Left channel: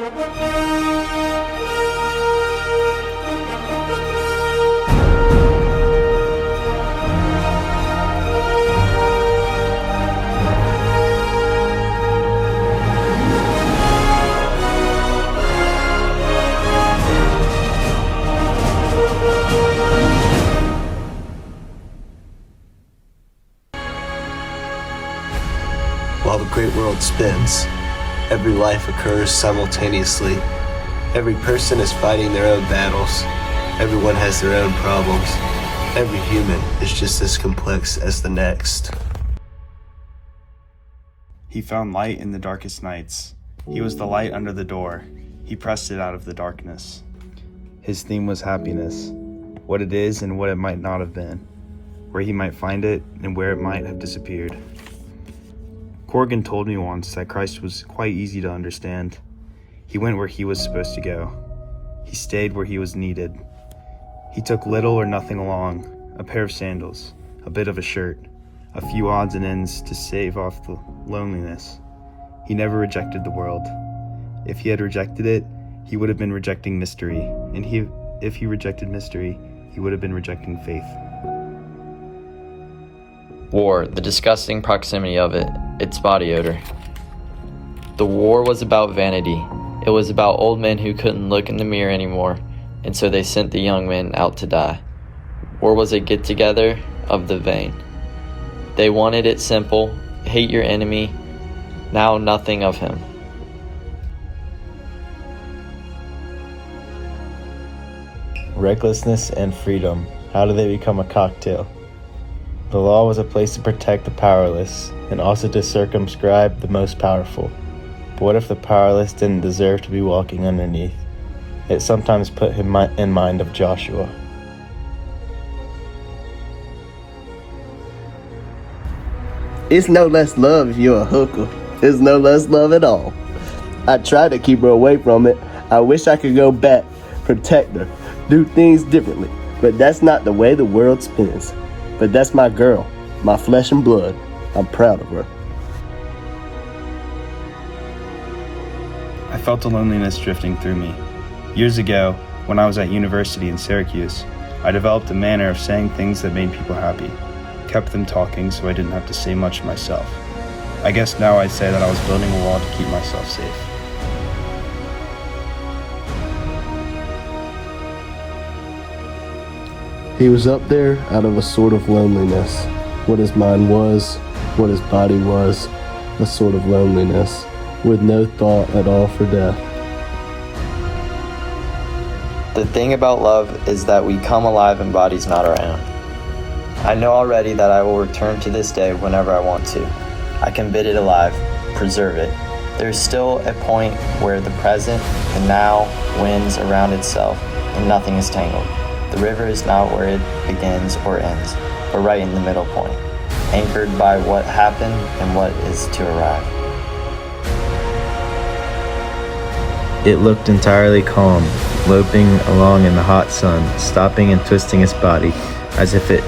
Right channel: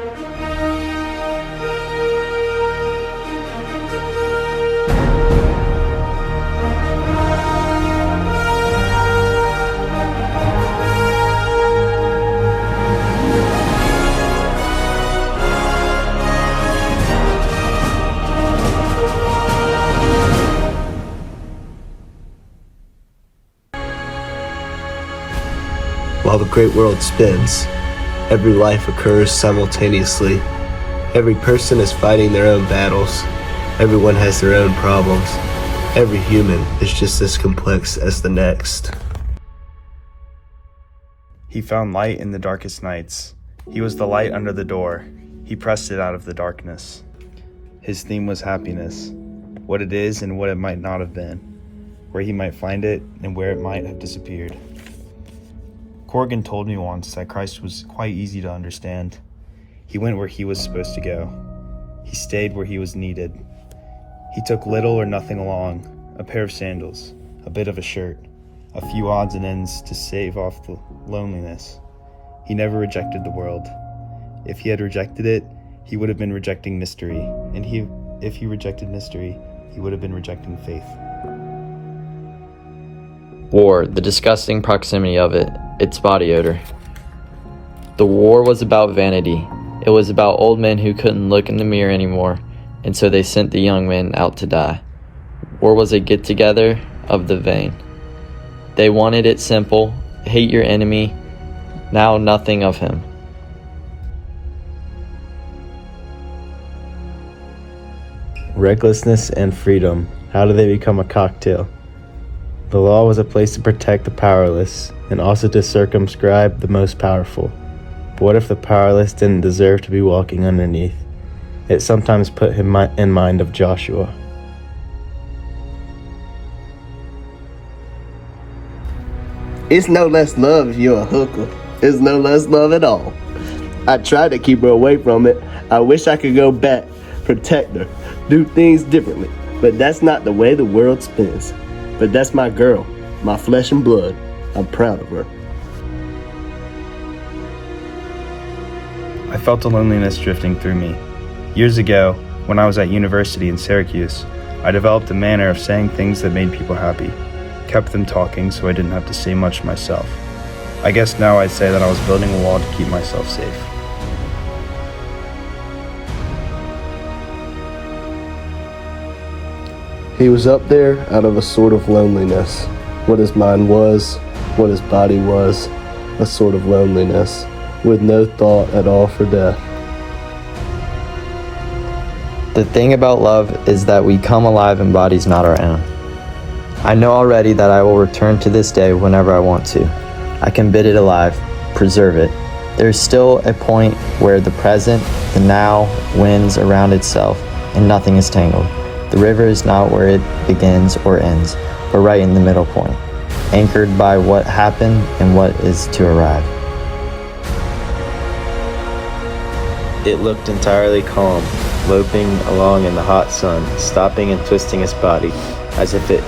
While the great world spins, every life occurs simultaneously. Every person is fighting their own battles. Everyone has their own problems. Every human is just as complex as the next. He found light in the darkest nights. He was the light under the door. He pressed it out of the darkness. His theme was happiness, what it is and what it might not have been, where he might find it and where it might have disappeared. Corgan told me once that Christ was quite easy to understand. He went where he was supposed to go. He stayed where he was needed. He took little or nothing along, a pair of sandals, a bit of a shirt, a few odds and ends to stave off the loneliness. He never rejected the world. If he had rejected it, he would have been rejecting mystery, and if he rejected mystery, he would have been rejecting faith. War, the disgusting proximity of it, its body odor. The war was about vanity. It was about old men who couldn't look in the mirror anymore, and so they sent the young men out to die. War was a get-together of the vain. They wanted it simple: hate your enemy, now nothing of him. Recklessness and freedom, how do they become a cocktail? The law was a place to protect the powerless and also to circumscribe the most powerful. But what if the powerless didn't deserve to be walking underneath? It sometimes put him in mind of Joshua. It's no less love if you're a hooker. It's no less love at all. I tried to keep her away from it. I wish I could go back, protect her, do things differently. But that's not the way the world spins. But that's my girl, my flesh and blood. I'm proud of her. I felt a loneliness drifting through me. Years ago, when I was at university in Syracuse, I developed a manner of saying things that made people happy, kept them talking so I didn't have to say much myself. I guess now I'd say that I was building a wall to keep myself safe. He was up there out of a sort of loneliness. What his mind was, what his body was, a sort of loneliness, with no thought at all for death. The thing about love is that we come alive in bodies not our own. I know already that I will return to this day whenever I want to. I can bid it alive, preserve it. There is still a point where the present, the now, wins around itself, and nothing is tangled. The river is not where it begins or ends, but right in the middle point, anchored by what happened and what is to arrive. It looked entirely calm, loping along in the hot sun, stopping and twisting its body, as if it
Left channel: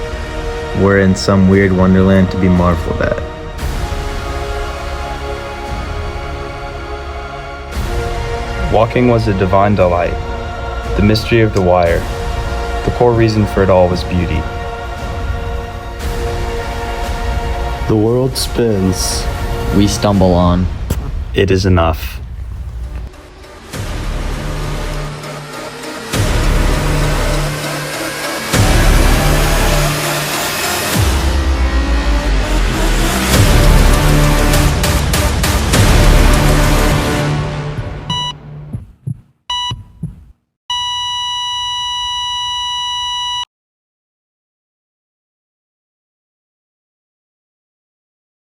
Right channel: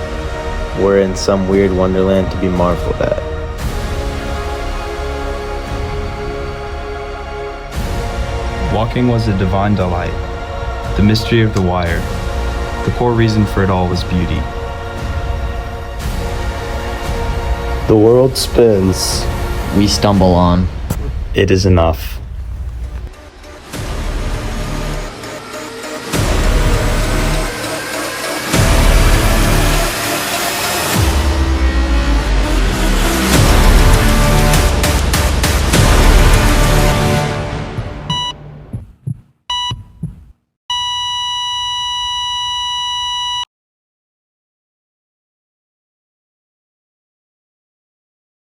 were in some weird wonderland to be marveled at. Walking was a divine delight, the mystery of the wire. The core reason for it all was beauty. The world spins. We stumble on. It is enough.